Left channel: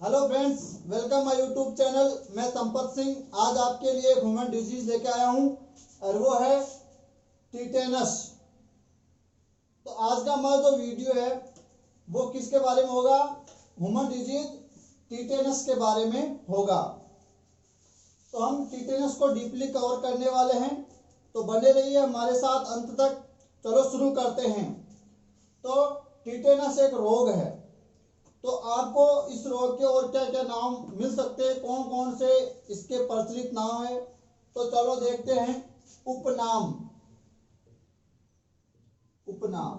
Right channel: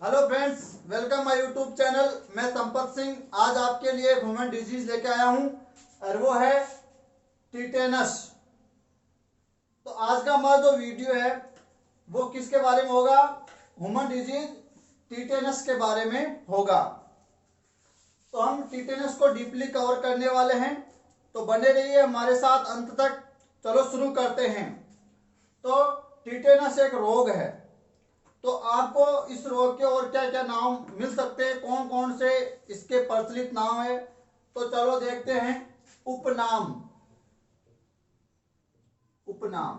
Hello friends, welcome my YouTube channel. मैं संपत सिंह आज आपके लिए एक ह्यूमन डिजीज लेके आया हूं और वो है टिटेनस। तो आज का हमारा जो वीडियो है वो किसके बारे में होगा? ह्यूमन डिजीज टिटेनस के बारे में होगा। तो हम टिटेनस को डीपली कवर करने वाले हैं, तो बने रहिए हमारे साथ अंत तक। चलो शुरू करते हैं। तो टिटेनस एक रोग है। तो आपको इस रोग के और क्या क्या नाम मिल सकते हैं, कौन कौन से इसके प्रचलित नाम है, तो चलो देखते हैं। उपनाम। उपनाम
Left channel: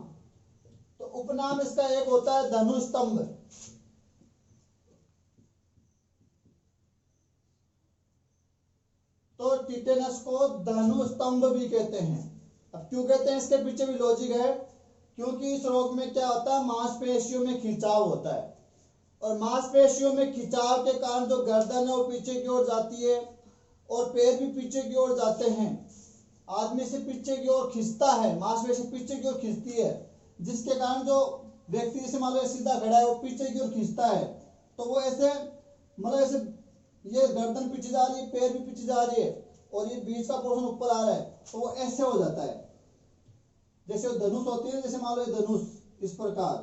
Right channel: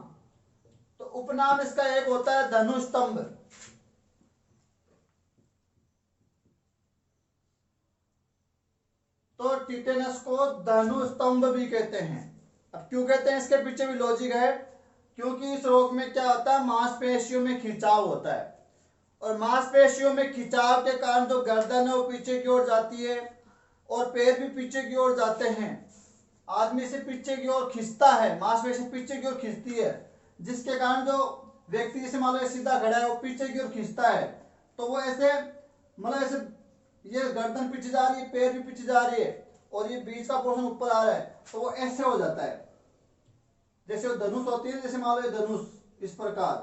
तो उपनाम इसका एक होता है धनुस्तंभ। तो टिटेनस को धनुस्तंभ भी कहते हैं। अब क्यों कहते हैं, इसके पीछे भी लॉजिक है। क्योंकि इस रोग में क्या होता है, मांसपेशियों में खिंचाव होता है और मांसपेशियों में खिंचाव के कारण जो गर्दन है वो पीछे की ओर जाती है और पैर भी पीछे की ओर जाते हैं। आदमी से पीछे की ओर खींचता है, मांसपेशी पीछे की ओर खींचती है, जिसके कारण जो व्यक्ति जैसे मान लो सीधा खड़ा है वो पीछे की ओर खींचता है, तो वो ऐसे मतलब ऐसे ये गर्दन पीछे जा रही है, पैर भी पीछे जा रही है और ये बीच का पोर्शन ऊपर आ रहा है, तो वो ऐसे हो जाता है। जैसे वो धनुष होती है, जैसे मान लो ये धनुष इस प्रकार,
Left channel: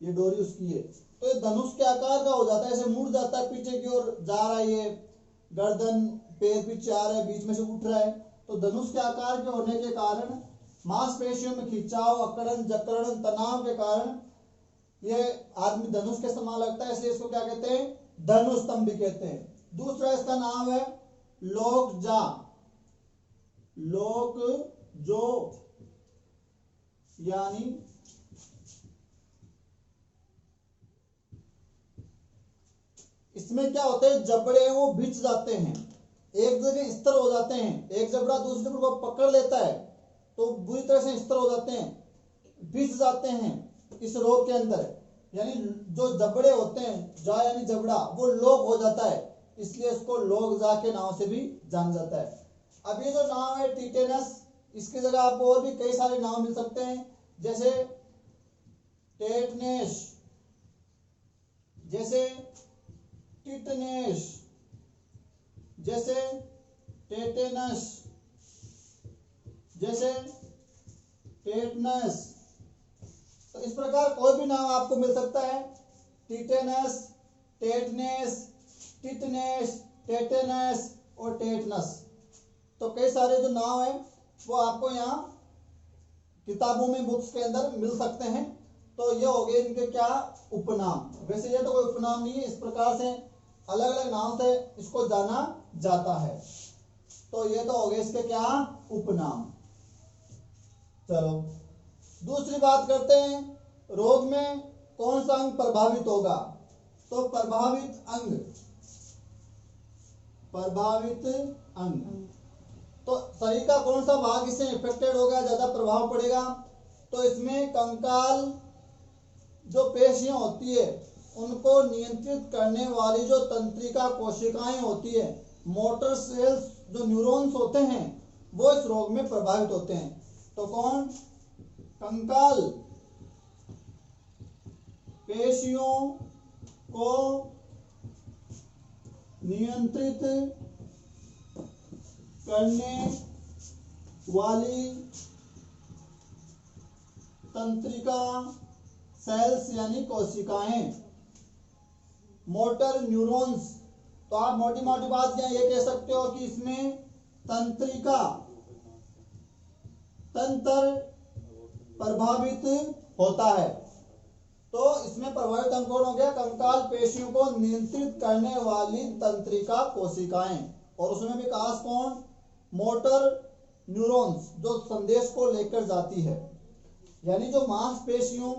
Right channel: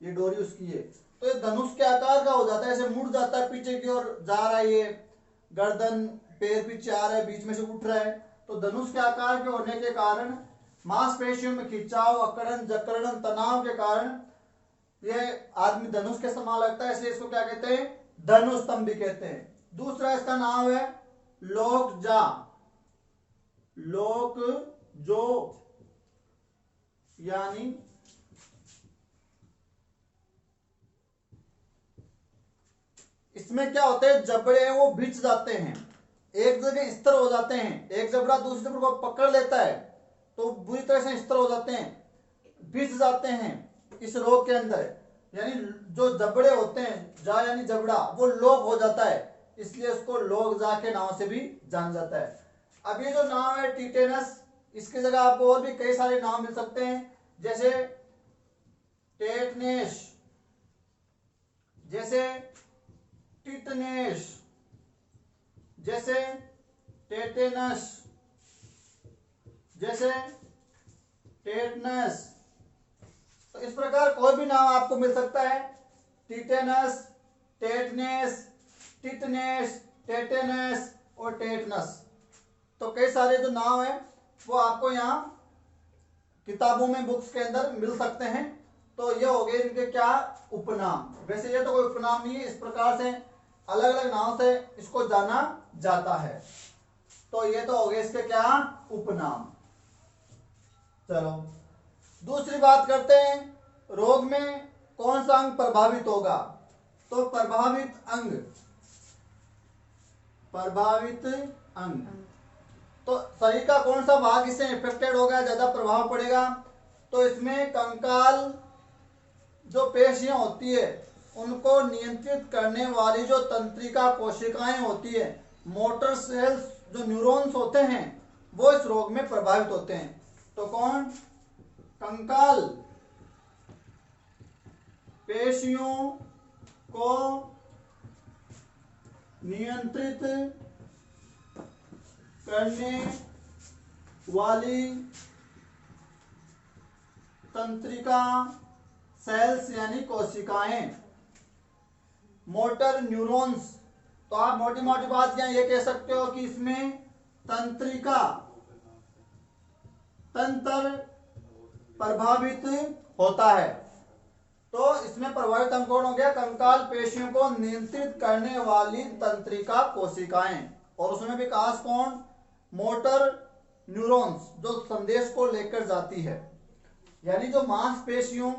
ये डोरी उसकी है, तो ये धनुष के आकार का हो जाता है, ऐसे मुड़ जाता है, पीछे की ओर जा रहा है, ये गर्दन पैर पीछे आ रहा है, बीच में से उठ रहा है। तो धनुष के आकार के होने के कारण मांसपेशियों में खिंचाव, अकड़न, जकड़न, तनाव के कारण ये आदमी धनुष के समान लगता है, इसलिए इसको क्या कहते हैं, धनुस्तंभ भी कहते हैं। दूसरा इसका नाम है लोकजा। लोकजो यानी इसमें क्या होते हैं, जबड़े हैं वो बिछ जाते हैं, एक जगह स्थिर हो जाते हैं, एक जबड़ा दूसरे जबड़े को पकड़ लेता है तो बुरी तरह से स्थिर हो जाते हैं, बिछ जाते हैं इस रोग के अंदर। यानी जो जबड़े होते हैं, जा यानी जबड़ा, वो लोक हो जाता है, इसलिए उसको लोकजा के नाम से भी जाना जाता है। अब ये जो नाम है टिटेनस, इसकी जगह आपको और भी कई सारे नाम मिल सकते हैं, जैसे टेटनेस, जैसे टिटनेस, जैसे टेटेनस, जैसे टेटनस। तो इस प्रकार कोई भी नाम आपको मिल सकता है, टिटेनस, टेटनेस, टिटनेस, टेटेनस और टेटनस। तो कई सारे जो नाम है वो आपको यहाँ किताबों में, बुक्स के अंदर मिल सकते हैं। तो ये हो गए इनके क्या, उपनाम। वैसे ये तो कोई उपनाम नहीं है, इस प्रकार से अलग अलग नाम से इसको जाना जाता है। तो ये तो हो गए इसके क्या, उपनाम। चलो दूसरी बात करते हैं, रोग में कौन सा अंग प्रभावित होगा। तो प्रभावित अंग, प्रभावित अंग, तो शरीर का कौन सा भाग इससे इफेक्टेड होगा, ज्यादा प्रभाव पड़ेगा। तो इसमें कंकाल जो पेशियां होती है उनको नियंत्रित करने वाली जो तंत्रिका कोशिकाएं होती है, मोटर सेल्स जो न्यूरॉन्स होते हैं, वो इस रोग में प्रभावित होते हैं। तो कौन, कंकाल पेशियों को नियंत्रित करने वाली तंत्रिका सेल्स यानी कोशिकाएं, मोटर न्यूरॉन्स। तो आप मोटी मोटी बात क्या ये कह सकते हो कि इसमें तंत्रिका, तंत्र प्रभावित होता है। तो इसमें प्रभावित अंग कौन हो गया, कंकाल पेशियों को नियंत्रित करने वाली तंत्रिका कोशिकाएं, और उसमें विकास कौन, मोटर न्यूरॉन्स जो संदेश को लेकर जाती है। यानी जो मांसपेशियों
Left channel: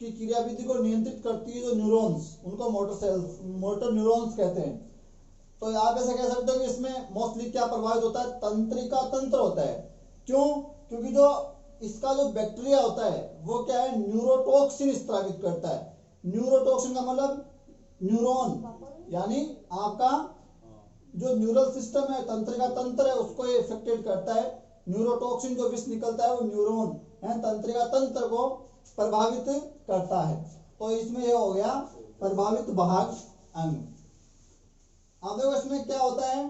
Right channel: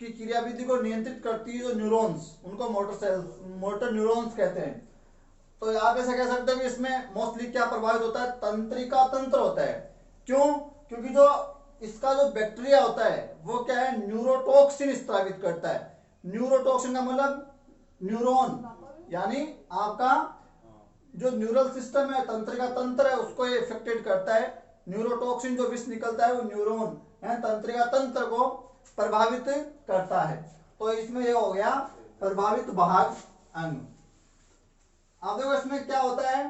की क्रियाविधि को नियंत्रित करती है जो न्यूरॉन्स, उनको मोटर सेल्स, मोटर न्यूरॉन्स कहते हैं। तो आप ऐसा कह सकते हो कि इसमें मोस्टली क्या प्रभावित होता है, तंत्रिका तंत्र होता है। क्यों, क्योंकि जो इसका जो बैक्टीरिया होता है वो क्या है, न्यूरोटॉक्सिन स्त्रावित करता है। न्यूरोटॉक्सिन का मतलब न्यूरॉन, यानी आपका जो न्यूरल सिस्टम है, तंत्रिका तंत्र है, उसको ये इफेक्टेड करता है। न्यूरोटॉक्सिन जो विष निकलता है वो न्यूरॉन तंत्रिका तंत्र को प्रभावित करता है। तो इसमें ये हो गया प्रभावित भाग अंग। अब देखो इसमें क्या होता है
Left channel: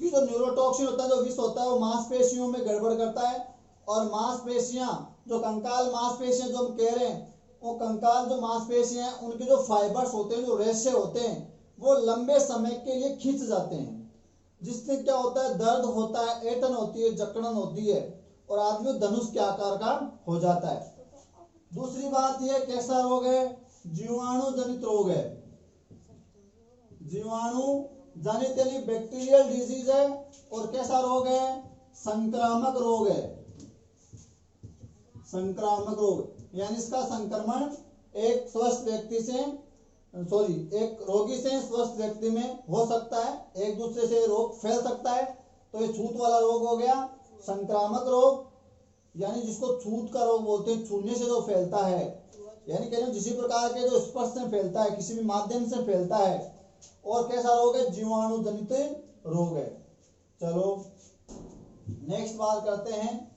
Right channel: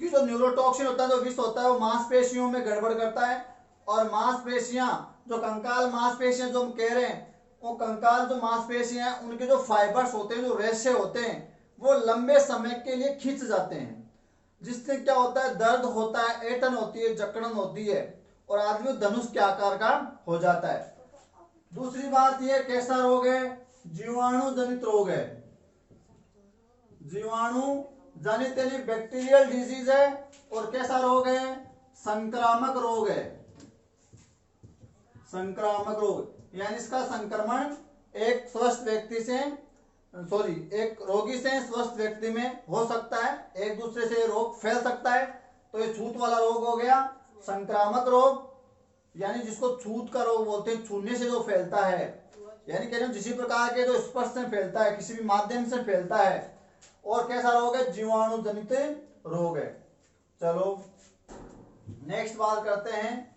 कि जो न्यूरोटॉक्सिन होता है, जो विष होता है, वो मांसपेशियों में गड़बड़ करता है। और मांसपेशियां, जो कंकाल मांसपेशियां जो हम कह रहे हैं, वो कंकाल जो मांसपेशियां हैं, उनके जो फाइबर्स होते हैं, जो रेशे होते हैं, वो लंबे समय के लिए खिंच जाते हैं, जिससे क्या होता है, दर्द होता है, ऐंठन होती है, जकड़न होती है, और आदमी धनुष के आकार का हो जाता है। दूसरी बात ये कैसा रोग है, जीवाणु जनित रोग है। जीवाणु जनित यानी बैक्टीरियल डिजीज है। और कैसा रोग है, संक्रामक रोग है। संक्रामक रोग यानी इसका संक्रमण एक स्वस्थ व्यक्ति से एक रोगी से स्वस्थ व्यक्ति में हो सकता है, एक दूसरे से रोग फैल सकता है। तो ये छूत वाला रोग हो गया संक्रामक रोग, यानी जिसको छूत का रोग बोलते हैं, छूने से जो फैलता है, यानी कह रहे किसी प्रकार के जो स्पर्श से फैलता है, किसी भी माध्यम से फैलता है। और कैसा रोग है, जीवाणु जनित रोग है। चलो नेक्स्ट बात करते हैं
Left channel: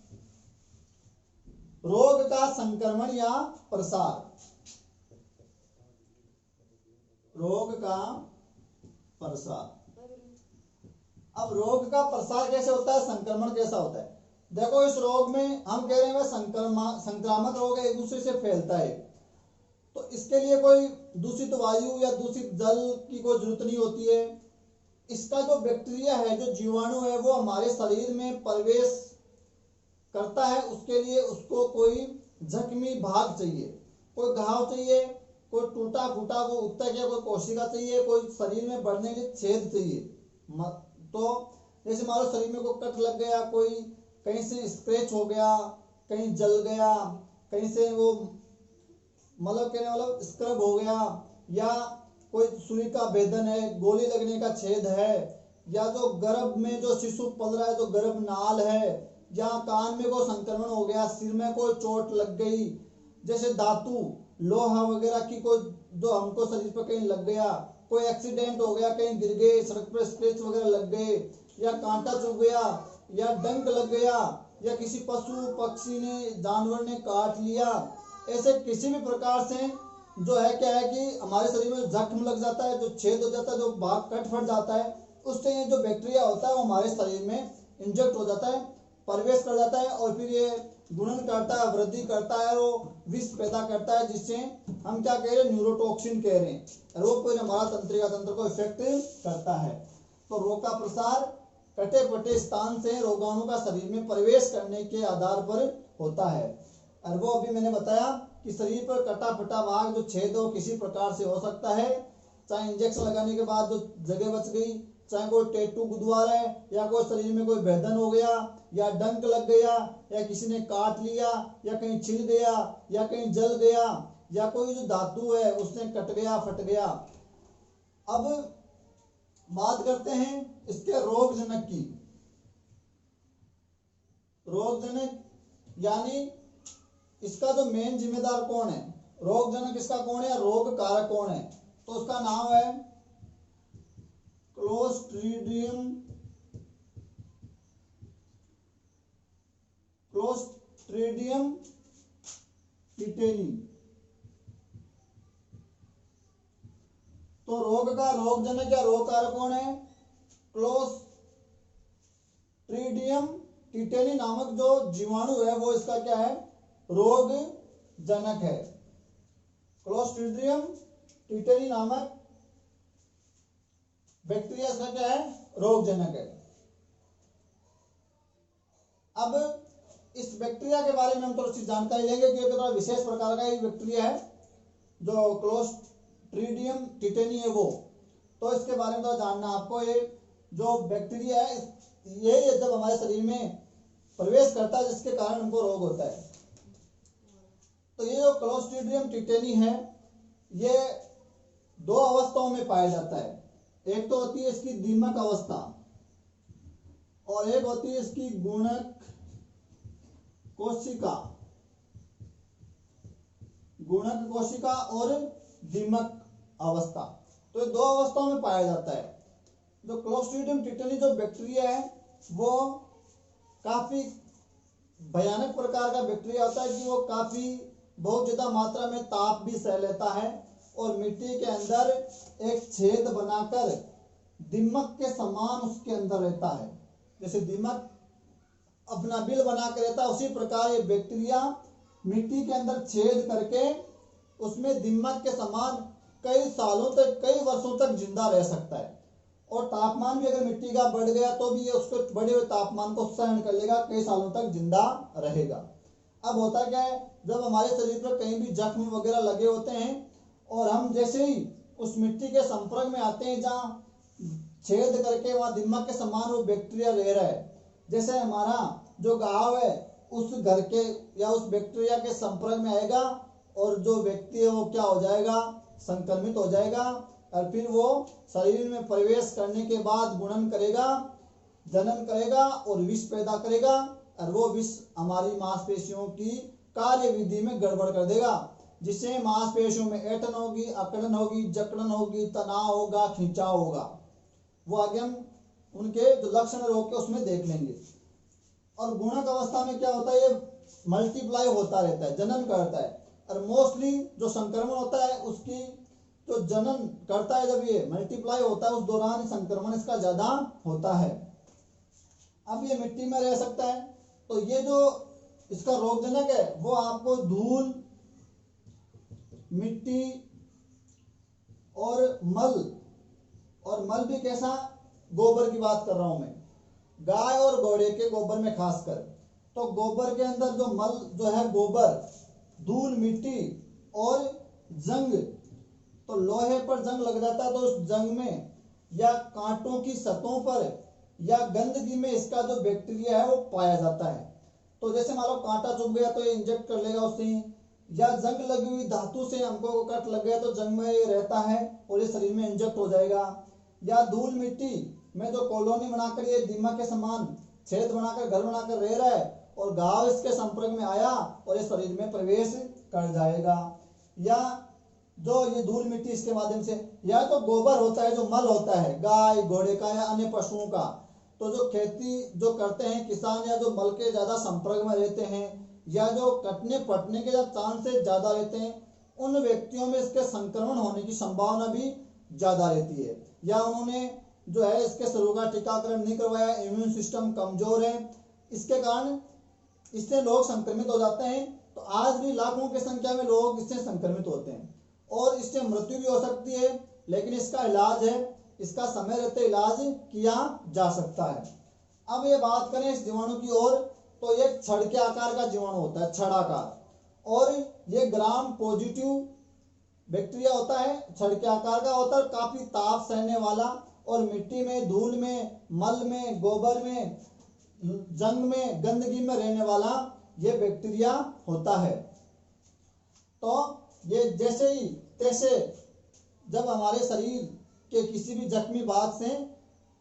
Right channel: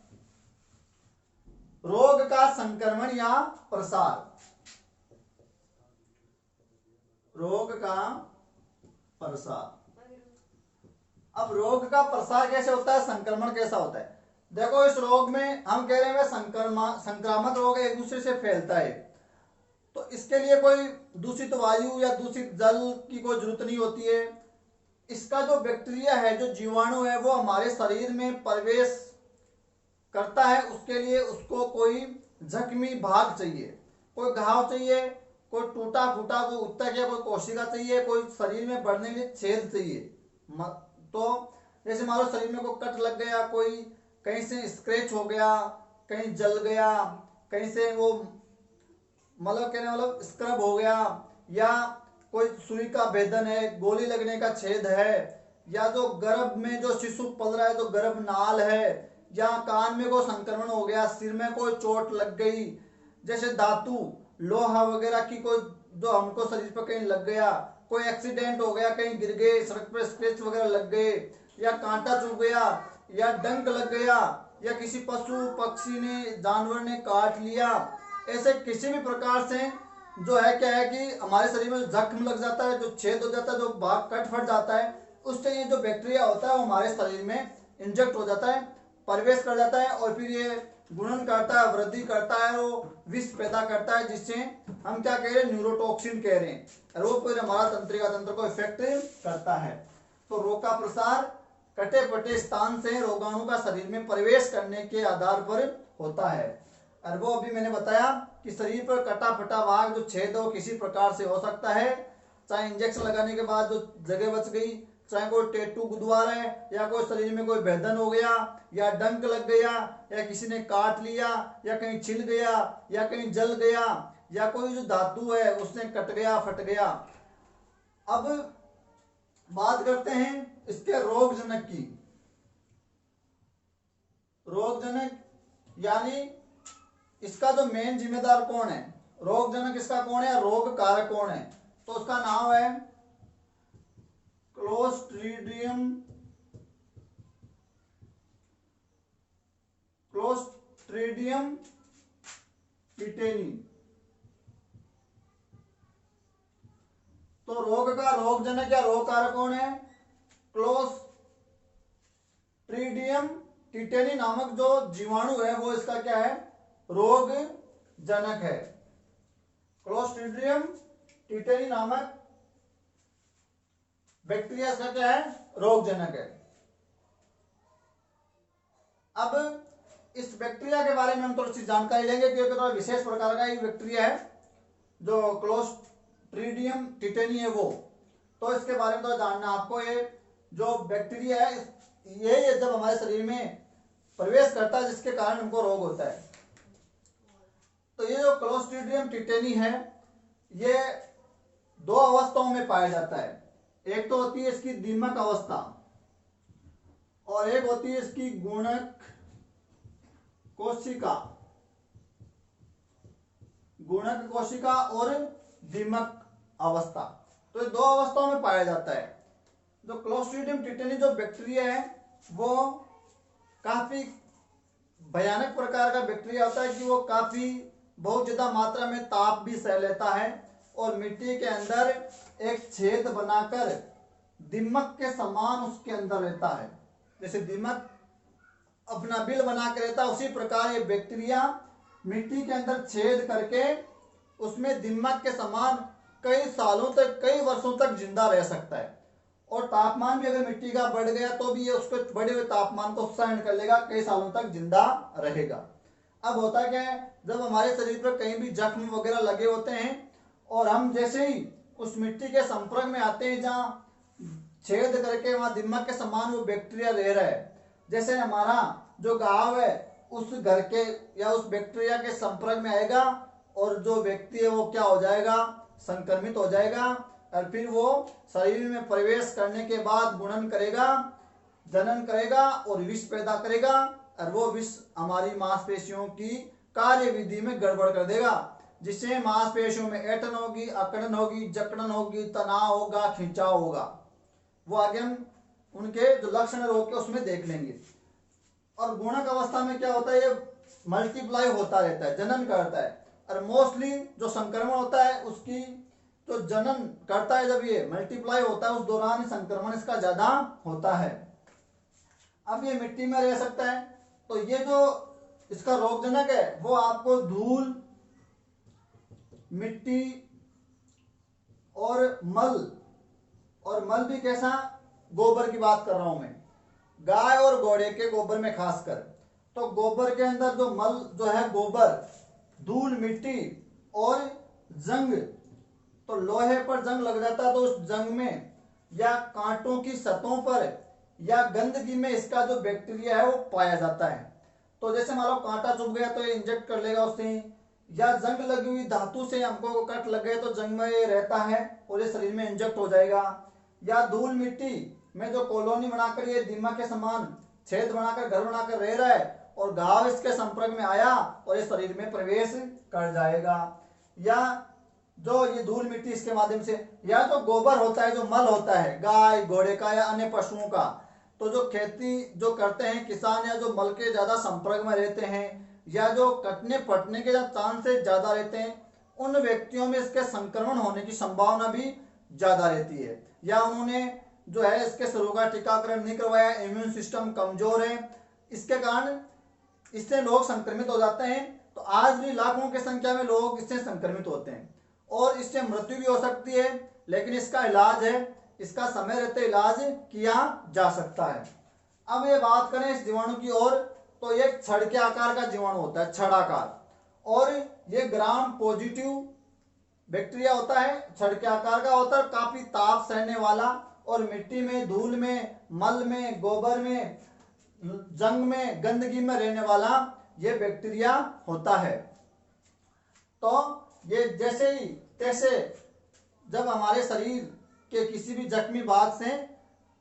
रोग का संक्रमण या प्रसार। रोग का प्रसार। अब रोग का प्रसार कैसे होता है, संक्रमण कैसा होता है। देखो इस रोग में हम कह रहे हैं संक्रामक रोग एक दूसरे से फैलता है, तो इसके लिए कोई दूषित वायु या दूषित जल की कोई जरूरत नहीं होती है। इसका जो बैक्टीरिया है, जो जीवाणु है, वो हमारे शरीर में प्रवेश करता है। उसके लिए उसको कोई जख्मी भाग चाहिए, कोई घाव चाहिए, कोई टूटा फूटा कोई उत्तक या कोई कोशिका चाहिए, कोई शरीर में बढ़ने के लिए छेद चाहिए। तो जैसे मान लो शरीर में कोई कट लग गया, कोई कहीं से स्क्रैच हो गया, कहीं जल गया, कहीं से वो मतलब स्क्रब हो गया, या कोई सुई का भेदन है, गोली लगने का छेद है, या जो गर्भ में जो शिशु पल रहा है, जो गर्भ नाल है, या कान में कोई संक्रमण हो गया, सिर में कोई चोट लग गई, जैसे धातु लोहा वगैरह की कोई जो हमको शरीर पर कहीं लग गया, कोई एक्सीडेंट हो गया, कहीं गिर गए, सड़क पर स्क्रैच वगैरह लग गए, या कांटा चुभ गया, या डंक लग गया, या किसी पशु पक्षी ने जानवर ने काट लिया, ऐसे किसी भी प्रकार से जो है क्या है कि हमारे शरीर में जख्म लग जाता है, जो छेद हो जाता है, जो भाग कट फट जाता है, उससे ये जो बैक्टीरिया होता है वो हमारे शरीर में इंजेक्ट हो जाता है, प्रवेश कर जाता है, और फिर ये गुणन करता है, वृद्धि करता है, वो विष पैदा करता है, जिससे हम क्या कह रहे हैं, न्यूरोटॉक्सिन कह रहे हैं। रोग पर हमारा तंत्रिका तंत्र को इफेक्ट करता है। तो रोग का प्रसार कटे पटे स्थान से रोगाणु का शरीर में प्रवेश करने के आधार पर होता है। और वो अभी मैंने बताया कि शरीर पर कटा फटा भाग जो छेद हो किसी प्रकार से हो सकता है, चाहे इंजेक्शन लगाने के बाद जो जगह बच गई, चाहे कोई टैटू गुदवा रहा है, या कोई शरीर में कोई भेदन हो गया, या डंक लग गया, या किसी ने काट लिया, या कहीं छिल गया, या कहीं जल गया, या कोई जो धातु है उसने कट गया, फट गया। अब बात करते हैं इसके रोगजनक की। रोगजनक यानी इसका जो मेन जिम्मेदार कौन है, रोगजनक इसका कौन है, रोग कारक कौन है, तो उसका नाम है क्लोस्ट्रीडियम टिटेनी। तो रोग का रोगजनक या रोग कारक कौन है, क्लोस्ट्रीडियम टिटेनी नामक जो जीवाणु है वो इसका क्या है, रोग जनक है। क्लोस्ट्रीडियम टिटेनी नामक बैक्टीरिया इसका क्या है, रोगजनक है। अब इस बैक्टीरिया के बारे में हम थोड़ी सी जानकारी लेंगे, क्योंकि थोड़ा विशेष प्रकार का एक बैक्टीरिया है जो क्लोस्ट्रीडियम टिटेनी है वो। तो इसके बारे में थोड़ा जानना आपको। ये जो बैक्टीरिया है ये जब हमारे शरीर में प्रवेश करता है जिसके कारण हमको रोग होता है। तो ये जो क्लोस्ट्रीडियम टिटेनी है ये दो अवस्थाओं में पाया जाता है। एक तो होती है इसकी दीमक अवस्था, और एक होती है इसकी गुणक कोशिका। गुणक कोशिका और दीमक अवस्था, तो ये दो अवस्थाओं में पाया जाता है। जो क्लोस्ट्रीडियम टिटेनी जो बैक्टीरिया है वो काफी भयानक प्रकार का बैक्टीरिया होता है कि वो काफी बहुत ज्यादा मात्रा में ताप भी सह लेता है, और मिट्टी के अंदर एक छेद बनाकर दीमक के समान उसके अंदर रहता है। जैसे दीमक अपना बिल बना के रहता है, उसी प्रकार ये बैक्टीरिया मिट्टी के अंदर छेद करके उसमें दीमक के समान कई सालों तक, कई वर्षों तक जिंदा रह सकता है। और तापमान भी अगर मिट्टी का बढ़ गया तो भी ये उसके बढ़े हुए तापमान को सहन कर लेगा, कई सालों तक जिंदा रहेगा। अब होता क्या है, जब हमारे शरीर पर कहीं भी जख्म वगैरह लगे होते हैं और हम जैसे ही उस मिट्टी के संपर्क में आते हैं जहाँ छेद करके वहां दीमक के समान वो बैक्टीरिया रह रहा है, जैसे हमारा जो घाव है उस घर के या उस बैक्टीरिया के संपर्क में आएगा और जो व्यक्ति है वो क्या हो जाएगा, संक्रमित हो जाएगा। और फिर वो शरीर में प्रवेश करने के बाद गुणन करेगा, जनन करेगा और विष पैदा करेगा। और वो विष हमारी मांसपेशियों की कार्य विधि में गड़बड़ कर देगा, जिससे मांसपेशियों में ऐंठन होगी, अकड़न होगी, जकड़न होगी, तनाव होगा, खिंचाव होगा। वो आगे हम उनके जो लक्षण रोग के उसमें देख लेंगे। और गुणक अवस्था में क्या होता है, ये मल्टीप्लाई होता रहता है, जनन करता है। और मोस्टली जो संक्रमण होता है उसकी तो जनन करता है, जब ये मल्टीप्लाई होता है उस दौरान संक्रमण इसका ज्यादा होता है। अब ये मिट्टी में रह सकता है, तो ये जो इसका रोगजनक है वो आपको धूल, मिट्टी और मल भी कैसा, गोबर की बात कर रहा हूं मैं, गाय और घोड़े के गोबर में खासकर। तो गोबर के अंदर जो मल जो है, गोबर, धूल, मिट्टी और जंग, तो लोहे पर जंग लग जाता है तो उस जंग में या कांटों की सतहों पर या गंदगी में इसका जो बैक्टीरिया है वो पाया जाता है। तो जैसे मान लो कांटा चुभ गया तो ये इंजेक्ट कर लेगा उससे, या जंग लगी हुई धातु से हमको कट लग गया तो जंग में ये रहता है और ये शरीर में इंजेक्ट हो जाएगा। या धूल मिट्टी में जो कॉलोनी बनाकर ये दीमक के समान छेद बनाकर घर बनाकर रह रहा है और घाव इसके संपर्क में आया और ये शरीर में प्रवेश कर जाएगा। या जो ये धूल मिट्टी इसके माध्यम से, या तो गोबर होता है जो मल होता है गाय घोड़े का या अन्य पशुओं का, तो जो खेती जो करते हैं किसान या जो मल के ज्यादा संपर्क में रहते हैं या जो कटने फटने के चांसेस ज्यादा रहते हैं, उन व्यक्तियों में इसके संक्रमण होने की संभावना भी ज्यादा रहती है। या उन्होंने जो है इसके शरीर का टीकाकरण नहीं करवाया, इम्यून सिस्टम कमजोर है, इसके कारण इससे लोग संक्रमित हो जाते हैं। तो आज भी लाखों की संख्या में लोग इससे संक्रमित होते हैं और इससे मृत्यु भी हो सकती है, लेकिन इसका इलाज है, इसका समय रहते इलाज किया जा सकता है। अब ये बात करें इस जीवाणु की ओर, तो ये छड़ के आकार का जीवाणु होता है, छड़ाकार, और ये ग्राम पॉजिटिव बैक्टीरिया होता है, छड़ के आकार का होता है, काफी ताप सहने वाला और मिट्टी में, धूल में, मल में, गोबर में, जंग में, गंदगी में रहने वाला ये बैक्टीरिया होता है। तो ये जैसे ही तैसे जब हमारे शरीर के किसी भी जख्मी भाग से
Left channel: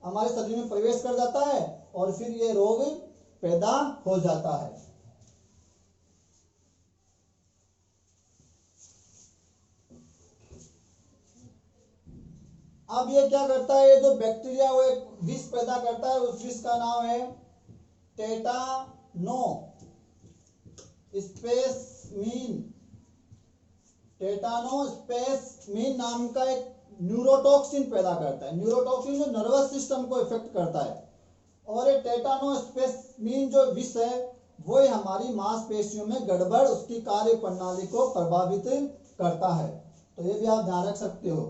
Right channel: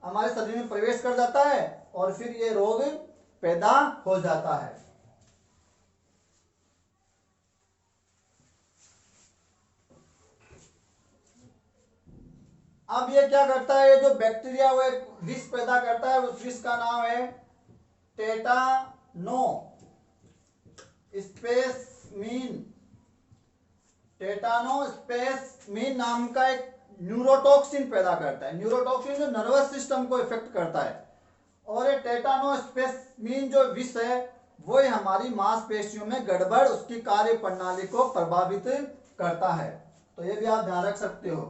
हमारे शरीर में प्रवेश कर जाता है और फिर ये रोग पैदा हो जाता है। अब ये क्या करता है, ये जो बैक्टीरिया वो एक विष पैदा करता है, उस विष का नाम है टेटानो स्पेसमीन। टेटानो स्पेसमीन नाम का एक न्यूरोटॉक्सिन पैदा करता है। न्यूरोटॉक्सिन जो नर्वस सिस्टम को इफेक्ट करता है, और ये टेटानो स्पेसमीन जो विष है वो हमारी मांसपेशियों में गड़बड़, उसकी कार्य प्रणाली को प्रभावित करता है। तो ये भी आप ध्यान रख सकते हो।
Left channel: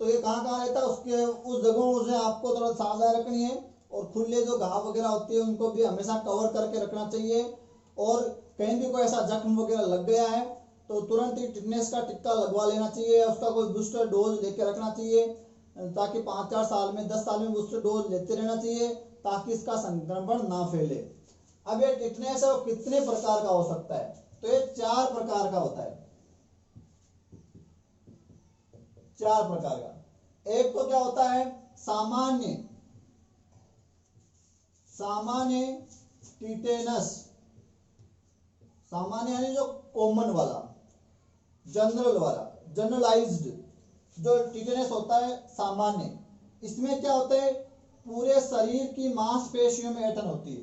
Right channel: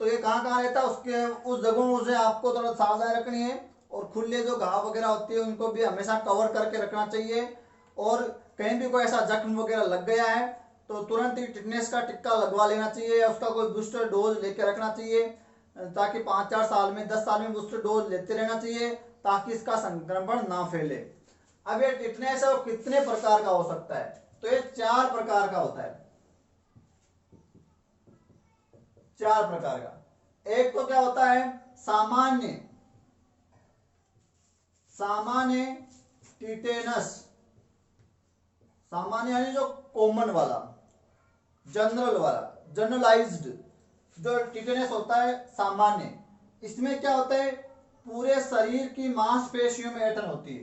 तो ये कहाँ कहाँ रहता है, उसके उस जगहों से आपको थोड़ा सावधान रखनी है। और खुले जो घाव वगैरह होती है उनको भी हमेशा कवर करके रखना चाहिए। और कहीं भी कोई ऐसा जख्म वगैरह लग गया है तो तुरंत ही टिटनेस का टिक्का लगवा लेना चाहिए, उसका कोई बूस्टर डोज लेके रखना चाहिए, ताकि 5-4 साल में 10 साल में बूस्टर डोज लेते रहना चाहिए ताकि इसका संक्रमण ना फैले। अब ये टिटनेस है वो कितने प्रकार का हो सकता है, तो ये 4 प्रकार का होता है, 4 प्रकार का। एक तो क्या होता है, सामान्य टिटेनस, सामान्य यानी जो कॉमन वाला, जनरल वाला, जनरलाइज्ड जो टिटेनस होता है सामान्य। इसमें क्या होता है, पूरे शरीर की मांसपेशियों में ऐंठन होती है,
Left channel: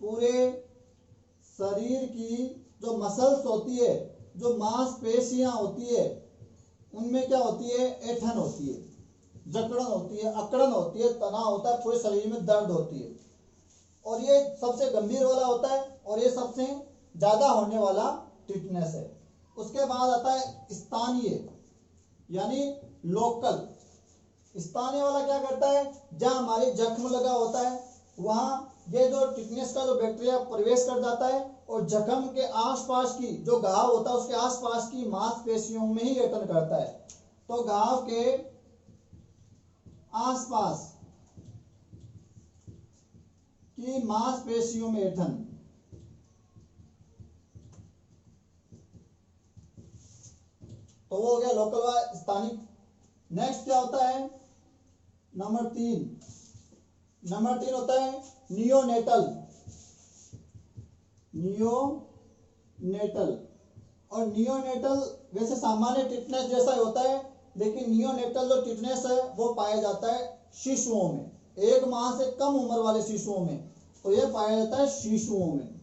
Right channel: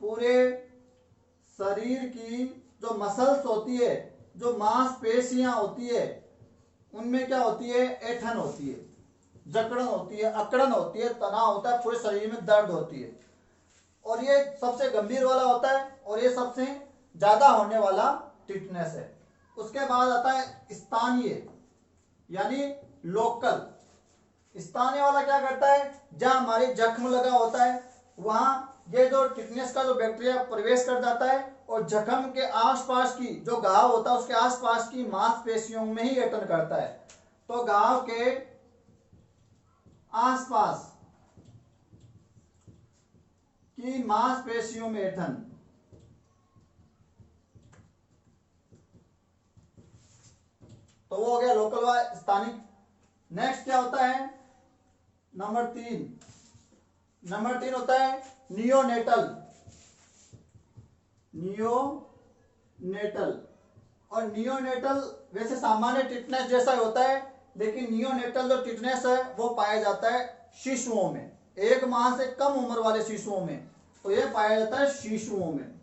पूरे शरीर की जो मसल्स होती है, जो मांसपेशियां होती है, उनमें क्या होती है, ऐंठन होती है, जकड़न होती है, अकड़न होती है, तनाव होता है, पूरे शरीर में दर्द होती है। और ये सबसे गंभीर वाला होता है और ये सबसे ज्यादा होने वाला टिटनेस है। उसके बाद आता है स्थानीय यानी लोकल। स्थानीय वाला क्या करता है, जहां हमारी जख्म लगा होता है वहां ये जो टिटनेस का जो बैक्टीरिया प्रवेश कर जाता है और जख्म के आसपास की जो घाव होता है उसके आसपास की मांसपेशियों में ही ऐंठन करता है। तो घाव के आसपास की मांसपेशियों में ऐंठन। तो वो हो गया लोकल व स्थानिक। नेक्स्ट क्या होता है, नंबर 3 होता है नियोनेटल। नियोनेटल और नियोनेटल वैसे सामान्य टिटनेस जैसा ही होता है, लेकिन नियोनेटल जो टिटनेस है वो पाया जाता है शिशुओं में, 1 माह से कम उम्र वाले शिशुओं में। तो ये पाया जाता है शिशुओं में,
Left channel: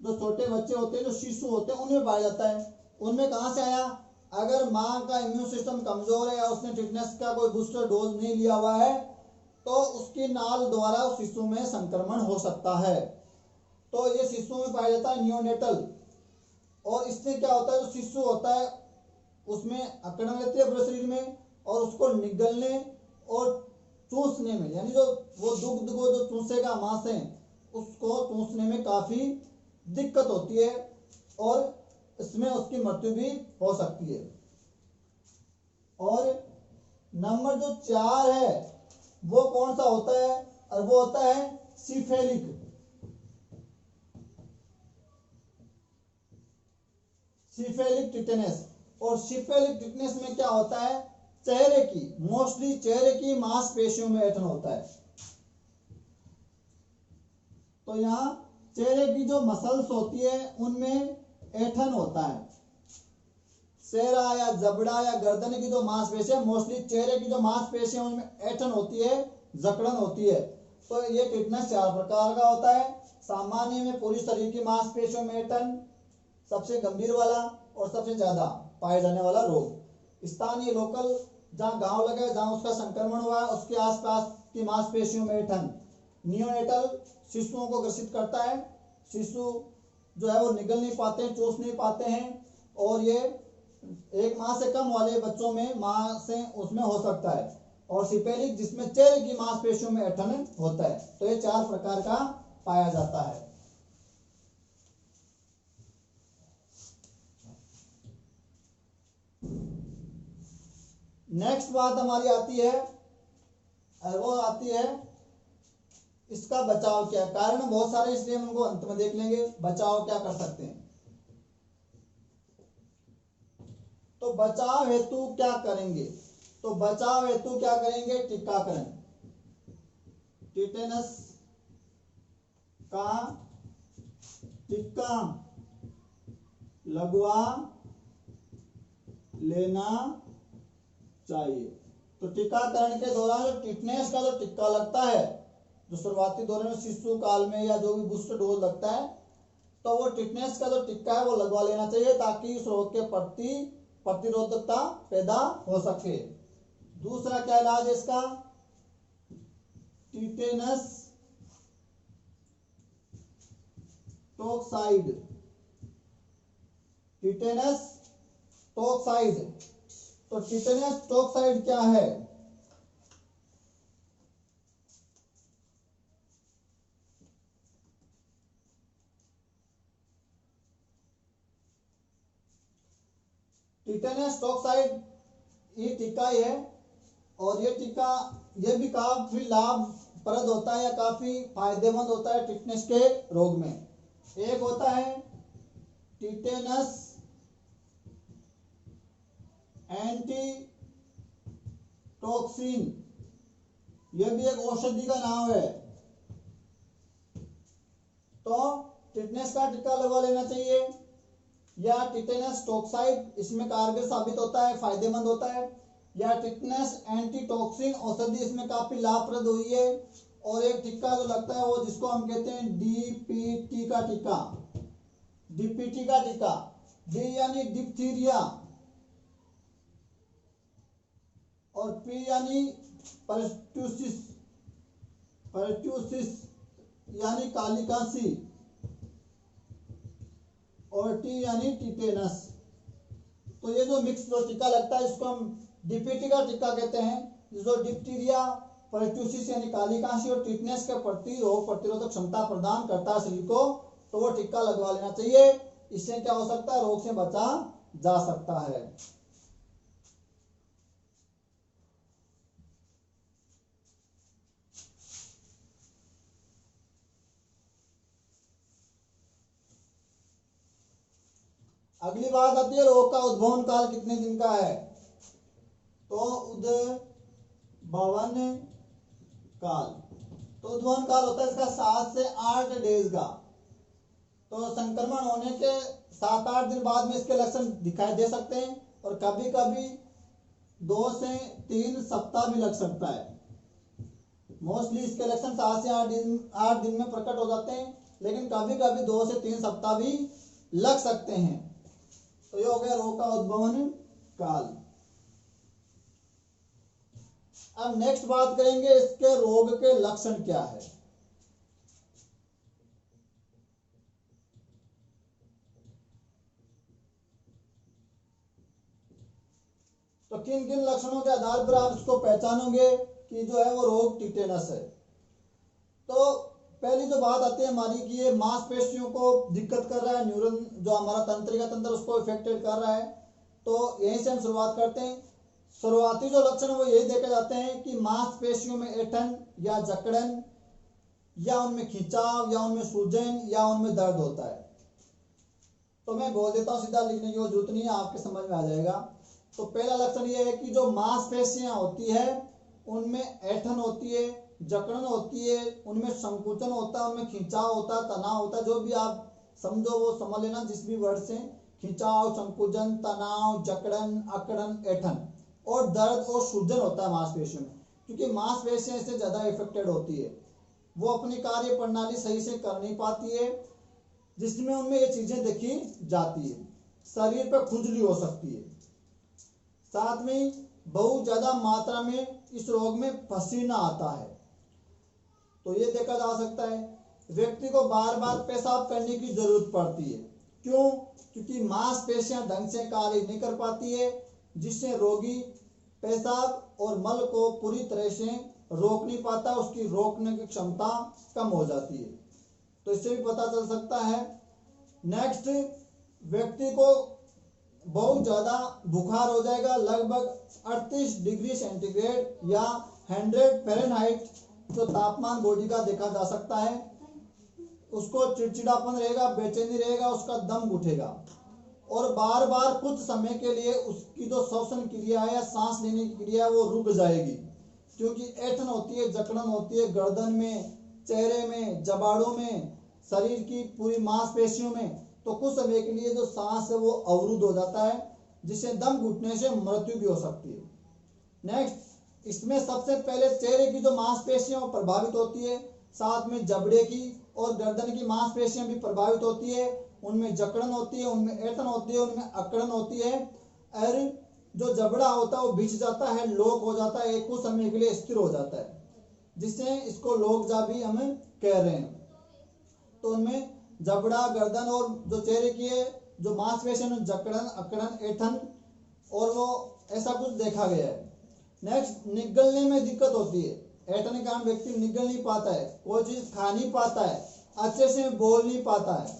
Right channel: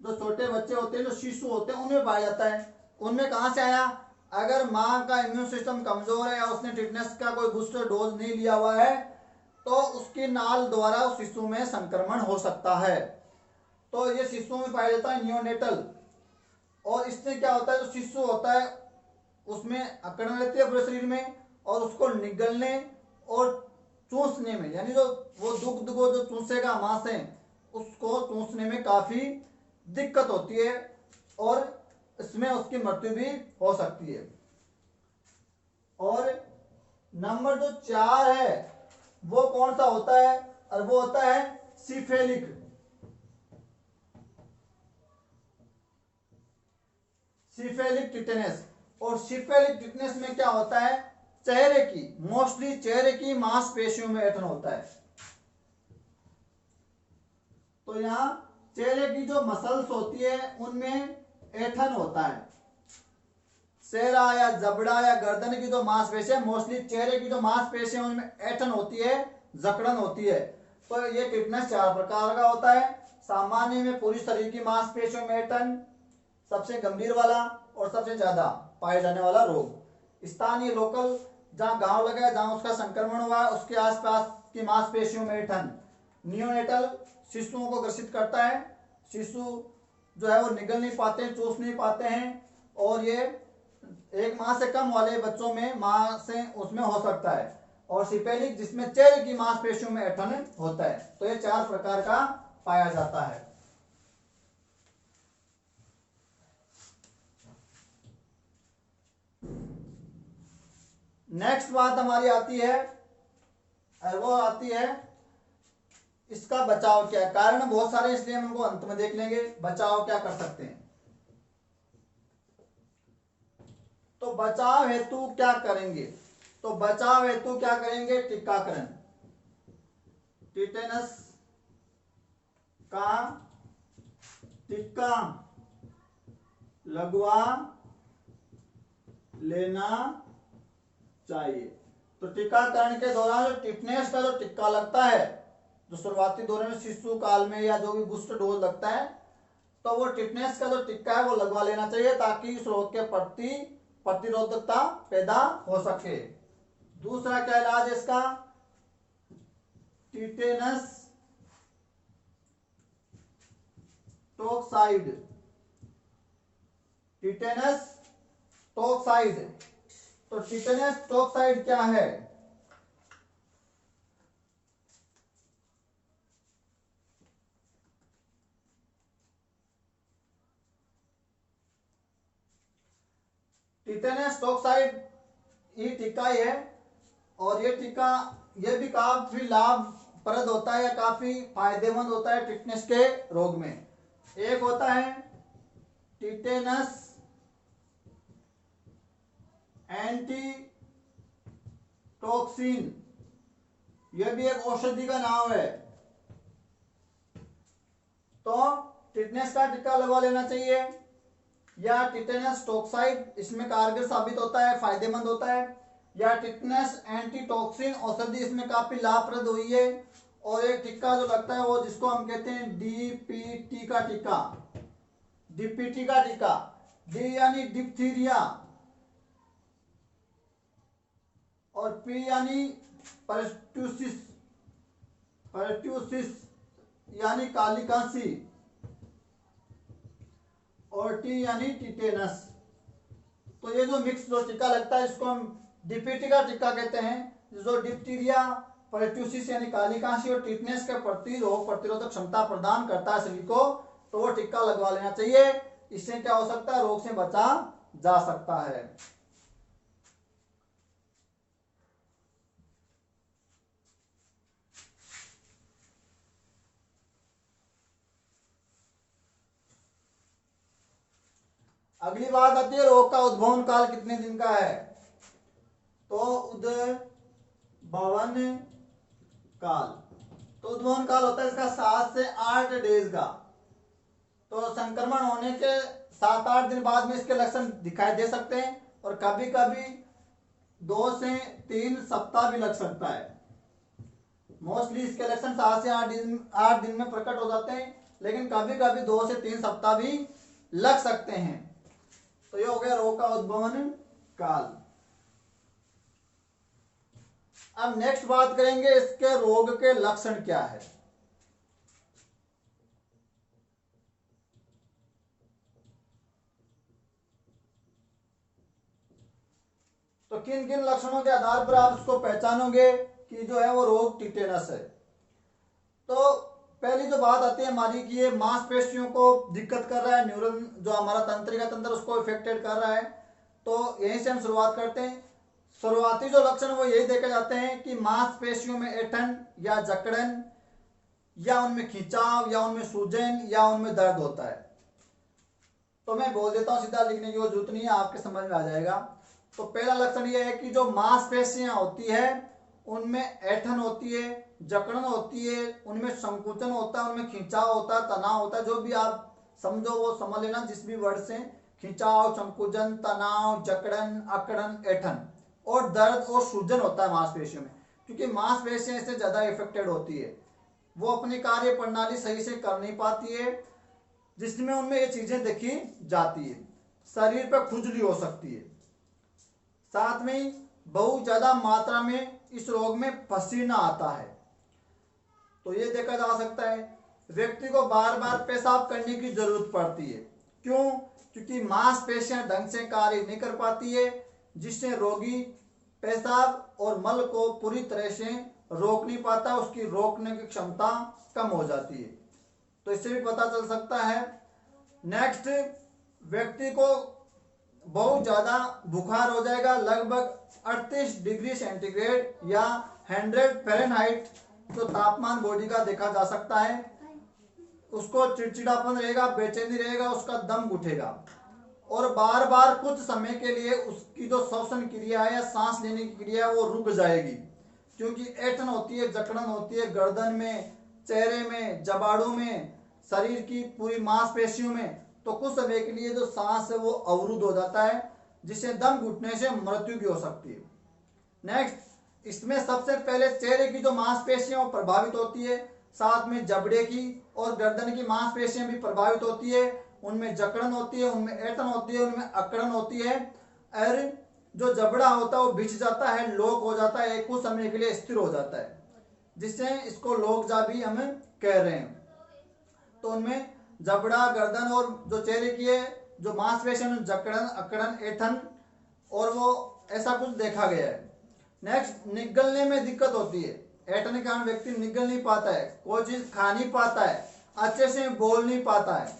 जो छोटे बच्चे होते हैं, जो शिशु होते हैं, उनमें पाया जाता है। उनमें कहां से आया, अगर मां का इम्यून सिस्टम कमजोर है या उसने टिटनेस का कोई बूस्टर डोज नहीं लिया हुआ है तो उसकी नाल द्वारा उस शिशु में संक्रमण हो सकता है। तो ये शिशुओं में पाया जाता है नियोनेटल। और इससे क्या होता है, जो शिशु होता है उसमें अकड़न लेती है पूरे शरीर में और उसको निगलने और चूसने में, यानी जो वो दुग्ध को जो चूसेगा मां से, उसको चूसने में काफी दिक्कत होती है और इसमें उसकी मृत्यु भी हो सकती है। और नंबर जो 4 है वो कौन सा होता है, और वो होता है सिफेलिक। Cephalic tetanus. और सिफेलिक टिटेनस में क्या होता है, चेहरे की, मोस्टली चेहरे की मांसपेशियों में ऐंठन होता है। तो यहाँ चेहरे की जो मसल्स होती है उनमें ऐंठन होता है। चेहरा या जबड़ा या गर्दन की जो मांसपेशी है, मोस्टली चेहरे की जो मांसपेशी है उनमें ऐंठन होती है, जकड़न होती है। तो ये टिटनेस 4 प्रकार का होता है। सामान्य में पूरी शरीर की मांसपेशियों में ऐंठन, सबसे गंभीर वाला और सबसे ज्यादा पाए जाने वाला रोग। स्थानीय लोकल, जहां गांव लगा है, जहां उसका संक्रमण हुआ है उसके आसपास की मांसपेशियों में ऐंठन। नियोनेटल शिशुओं को ग्रसित करता है, शिशु जो है वो निगल नहीं पाते हैं, चूस नहीं पाते हैं, और ये 1 माह से कम वाले बच्चों में मां से उसमें हो सकता है। और सिपेलिक जिसमें चेहरे की मांसपेशियों में ऐंठन होता है। तो ये 4 प्रकार का पाया जाता है। नेक्स्ट बात हमारी आती है, वो आती है इसका बचाव क्या है। कारण बहुत सारे इसलिए हम उनको अंत में देख लेंगे, बचाव क्या कर सकते हैं। तो बचाव हेतु क्या करेंगे, तो बचाव हेतु क्या करेंगे, टीकाकरण। टिटेनस का टीका लगवा लेना चाहिए। तो टीकाकरण के दौरान जो टिटनेस का जो टीका लगता है, जो शुरुआती दौर में शिशु काल में या जो भी बूस्टर डोज लगता है, तो वो टिटनेस का जो टीका है वो लगवा लेना चाहिए ताकि इस रोग के प्रति प्रतिरोधकता पैदा हो सके। दूसरा क्या इलाज है इसका, टिटेनस टॉक्साइड। Tetanus toxoid. तो टिटेनस टॉक्साइड क्या है, टिटेनस टॉक्साइड ये टीका ही है। और ये टीका ये भी काफी लाभप्रद होता है या काफी फायदेमंद होता है टिटनेस के रोग में। एक होता है टिटेनस एंटी टॉक्सिन, यह भी एक औषधि का नाम है। तो टिटनेस का टीका लगवा लेना चाहिए, या टिटेनस टॉक्साइड इसमें कारगर साबित होता है, फायदेमंद होता है, या टिटनेस एंटी टॉक्सिन औषधि इसमें काफी लाभप्रद हुई है और एक टिक्का जो लगता है वो जिसको हम कहते हैं डीपीटी का टिक्का, डीपीटी का टिक्का। डी यानी डिप्थीरिया और पी यानी परट्यूसिस, परट्यूसिस यानी काली कांसी और टी यानी टिटेनस। तो ये जो मिक्स जो टीका लगता है इसको हम डिप्थीरिया का टीका कहते हैं, जो डिप्थीरिया, परट्यूसिस यानी काली कांसी और टिटेनस के प्रति रोग प्रतिरोधक क्षमता प्रदान करता है शरीर को, तो वो टीका लगवा लेना चाहिए। इससे क्या हो सकता है, रोग से बचा जा सकता है। अगली बात आती है रोग का उद्भवन काल कितने दिन का है। तो उद्भवन काल, तो उद्भवन काल होता है इसका 7 से 8 डेज का। तो संक्रमण होने के 7-8 दिन बाद में इसके लक्षण दिखाई दे सकते हैं और कभी कभी 2 से 3 सप्ताह भी लग सकता है। मोस्टली इसके लक्षण 7 से 8 दिन में प्रकट हो जाते हैं, लेकिन कभी कभी 2 से 3 सप्ताह भी लग सकते हैं। तो ये हो गया रोग का उद्भवन काल। अब नेक्स्ट बात करेंगे इसके रोग के लक्षण क्या है। तो किन किन लक्षणों के आधार पर आप इसको पहचानोगे कि जो है वो रोग टिटेनस है। तो पहली जो बात आती है हमारी कि ये मांसपेशियों को दिक्कत कर रहा है, न्यूरॉन जो हमारा तंत्रिका तंत्र उसको इफेक्टेड कर रहा है। तो यहीं से हम शुरुआत करते हैं। शुरुआती जो लक्षण वो यही देखे जाते हैं कि मांसपेशियों में ऐंठन या जकड़न या उनमें खिंचाव या उनमें सूजन या उनमें दर्द होता है। तो मैं बोल देता हूँ, सीधा लिखने की जरूरत नहीं है, आपके समझ में आ जाएगा। तो पहला लक्षण ये है कि जो मांसपेशियां होती है उनमें ऐंठन होती है, जकड़न होती है, उनमें संकुचन होता है, उनमें खिंचाव होता है, तनाव होता है। जो भी आप समझो वो समझ लेना, जिस भी वर्ड से, खिंचाव, संकुचन, तनाव, जकड़न, अकड़न, ऐंठन और दर्द और सूजन होता है मांसपेशियों में। क्योंकि मांसपेशियां इससे ज्यादा इफेक्टेड होती है, वो अपनी कार्य प्रणाली सही से कर नहीं पाती है, जिसमें उनमें ये चीजें देखी जाती है। शरीर पर खुजली हो सकती है, साथ में बहुत ज्यादा मात्रा में इस रोग में पसीना आता है। तो ये देखा जा सकता है। व्यक्ति को बार बार पेशाब करने की जरूरत पड़ती है। क्यों? क्योंकि मांसपेशियां ढंग से कार्य नहीं कर पाती है, जिससे रोगी पेशाब और मल को पूरी तरह से रोक नहीं पाता, उसकी रोकने की क्षमता कम हो जाती है। तो इससे भी पता चल सकता है। नेक्स्ट, व्यक्ति को बहुत ज्यादा बुखार हो जाएगा, लगभग 38 डिग्री सेंटीग्रेड या 100 फ़ारेनहाइट जो तापमान बॉडी का देखा जा सकता है। उसको चिड़चिड़ापन रहेगा, बेचैनी रहेगा, उसका दम उठेगा और बार बार कुछ समय के लिए उसकी जो श्वसन क्रिया है या सांस लेने की क्रिया है वो रुक जाएगी, क्योंकि ऐंठन होती है, जकड़न होती है गर्दन में, चेहरे में, जबाड़ों में, शरीर की पूरी मांसपेशियों में। तो कुछ समय के लिए जो सांस है वो अवरुद्ध हो जाता है, जिससे दम घुटने से मृत्यु भी हो सकती है। नेक्स्ट, इसमें सबसे पहले चेहरे की जो मांसपेशियां वो प्रभावित होती है, साथ में जबड़े की और गर्दन की मांसपेशियां भी प्रभावित होती है। उनमें जकड़न होती है, उनमें ऐंठन होती है, उनमें अकड़न होती है और जो जबड़ा होता है वो बिछ जाता है, लॉक हो जाता है, कुछ समय के लिए स्थिर हो जाता है, जिससे इसको लोकजा भी हम कह रहे हैं। तो उनमें जबड़ा, गर्दन और जो चेहरे की है जो मांसपेशियां, जकड़न, अकड़न, ऐंठन और वो ऐसा कुछ देखा गया है। नेक्स्ट, निगलने में दिक्कत होती है। ऐंठन के कारण व्यक्ति निगल नहीं पाता है, कोई चीज खा नहीं पाता है, अच्छे से बोल नहीं पाता है।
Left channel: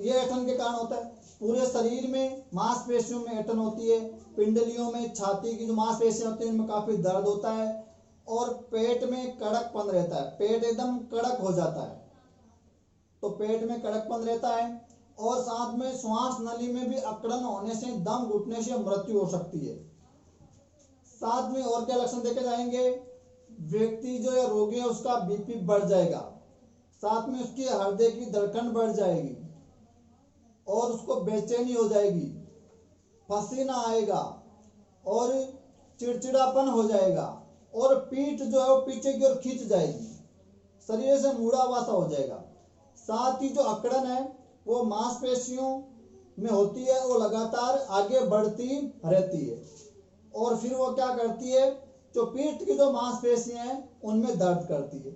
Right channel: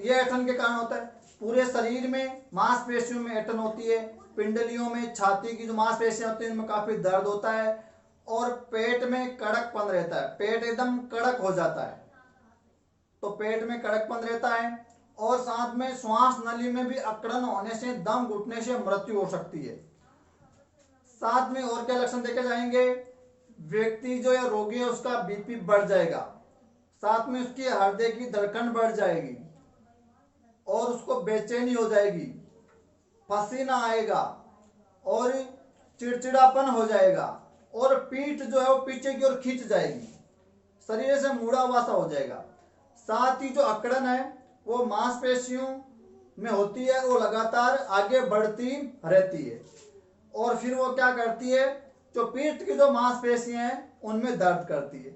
ये ऐंठन के कारण होता है। पूरे शरीर में मांसपेशियों में ऐंठन होती है, पिंडलियों में, छाती की जो मांसपेशियां होती है उनमें काफी दर्द होता है और पेट में कड़कपन रहता है, पेट एकदम कड़क हो जाता है। तो पेट में कड़कपन रहता है और साथ में श्वास नली में भी अकड़न होने से, दम घुटने से मृत्यु हो सकती है। साथ में और क्या लक्षण देखे जाएंगे, व्यक्ति जो है रोगी है उसका बीपी बढ़ जाएगा, साथ में उसकी हृदय की धड़कन बढ़ जाएगी और उसको बेचैनी हो जाएगी, पसीना आएगा और चिड़चिड़ापन हो जाएगा और पीठ जो है वो पीछे की ओर खींच जाएगी। शरीर से मुड़ा हुआ सा हो जाएगा। साथ ही जो अकड़न है वो मांसपेशियों में होती है, वो लगातार आगे बढ़ती रहती है और फिर वो क्या करती है, जो पीठ की जो मांसपेशियां हैं उनमें दर्द करती है।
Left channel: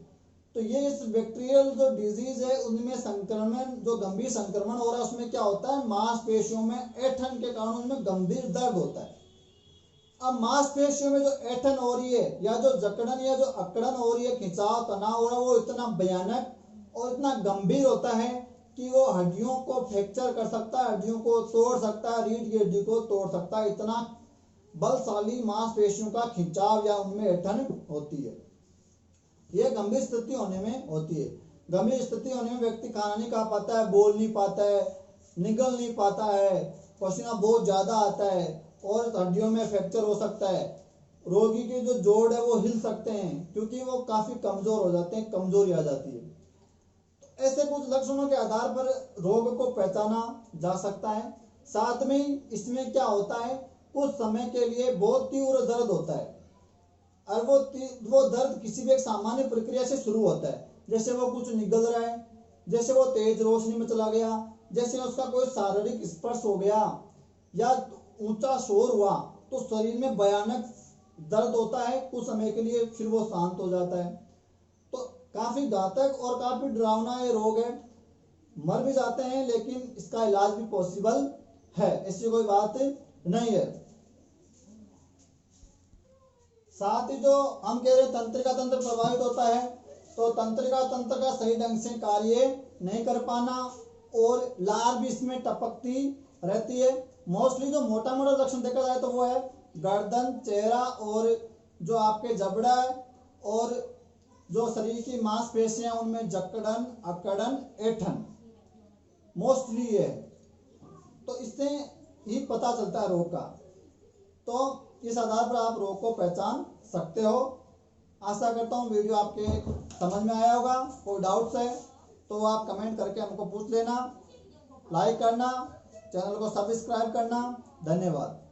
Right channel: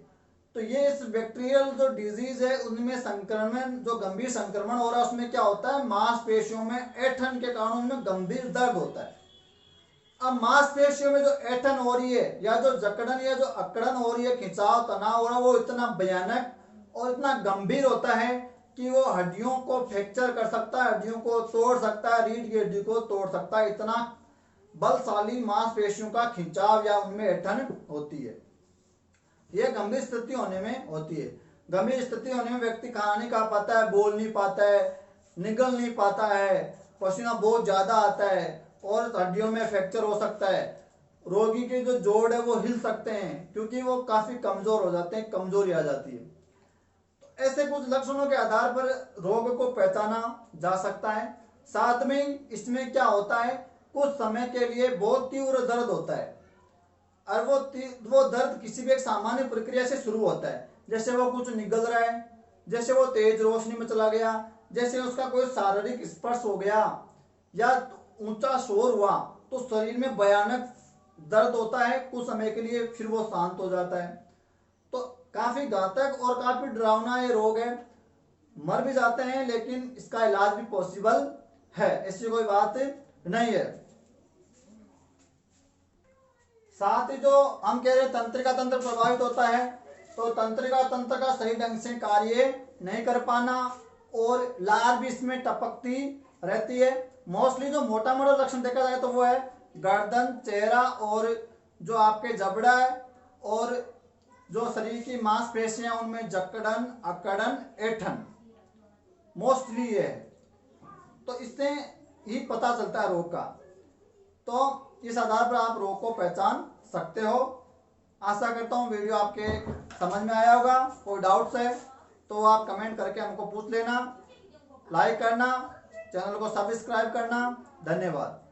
तो ये इस बैक्टीरियल जो डिजीज है उनमें संक्रमण, जो गंभीर संक्रमण हो रहा है उसमें क्या होता है, मांसपेशियों में ऐंठन के कारण उनमें गंभीर दर्द होता है। अब मांसपेशियों में जो ऐंठन हो रही है या जो जकड़न या जो अकड़न हो रही है, खिंचाव तनाव हो रहा है, वो इतना भयानक और इतना गंभीर होता है कि वो हड्डियों को फ्रैक्चर कर सकता है, हड्डियों को तोड़ सकता है, रीढ़ की हड्डी को तोड़ सकता है। इतना बलशाली मांसपेशियों का खिंचाव या उनमें ऐंठन होती है। यह गंभीर स्थिति होने में होती है। गंभीर स्थिति होने में व्यक्ति खाना नहीं खा पाता है, बोल नहीं पाता है, निगल नहीं पाता है, पसीना बहुत ज्यादा आता है और हड्डियों में फ्रैक्चर हो सकता है। रोगी के जो जोड़ है वो हिल सकते हैं क्योंकि वो काफी कमजोर हो जाते हैं, कमजोरी आ जाती है। तो ऐसे कुछ लक्षणों के आधार पर रोग को पहचाना जा सकता है। साथ में इसमें क्या होता है, कुछ समय के लिए बहुत तीव्र दर्द होता है और वो दर्द किसी भी एक सामान्य प्रक्रिया से शुरू होता है, जैसे वो कुछ निगल रहा है, जैसे वो तेज रोशनी में चला गया, जैसे उसका कोई शारीरिक स्पर्श हो गया या ऊंचा शोर हुआ, तो शरीर में भयानक दर्द होता है कुछ समय के लिए, फिर वो शांत हो जाता है। तो काफी घातक और काफी डरावना ये रोग है। मर भी जाते हैं लेकिन इसका इलाज भी पॉसिबल है, ऐसी कोई बात नहीं है। साथ ही जो हम कह रहे तंत्रिका तंत्र प्रभावित होता है, तो तंत्रिका तंत्र का सही ढंग से कार्य नहीं कर पाना और लार भी इसमें टपकती रहती है। मोस्टली जो मोटा मोटा लक्षण देखा जाए तो वो है गर्दन, चेहरा और जो आपके जबड़ा है और जो शरीर की मांसपेशियां उनमें जकड़न, अकड़न, ऐंठन मोस्टली है। तो इससे ही पता चलता है रोग का। तो इस आधार पर आप रोग को पहचान सकते हो। आशा करता हूँ वीडियो आपके समझ में आया होगा। कोई डाउट्स है तो आप कमेंट करके हमको पूछ लेना। लाइक करना, चैनल को सब्सक्राइब करना। धन्यवाद।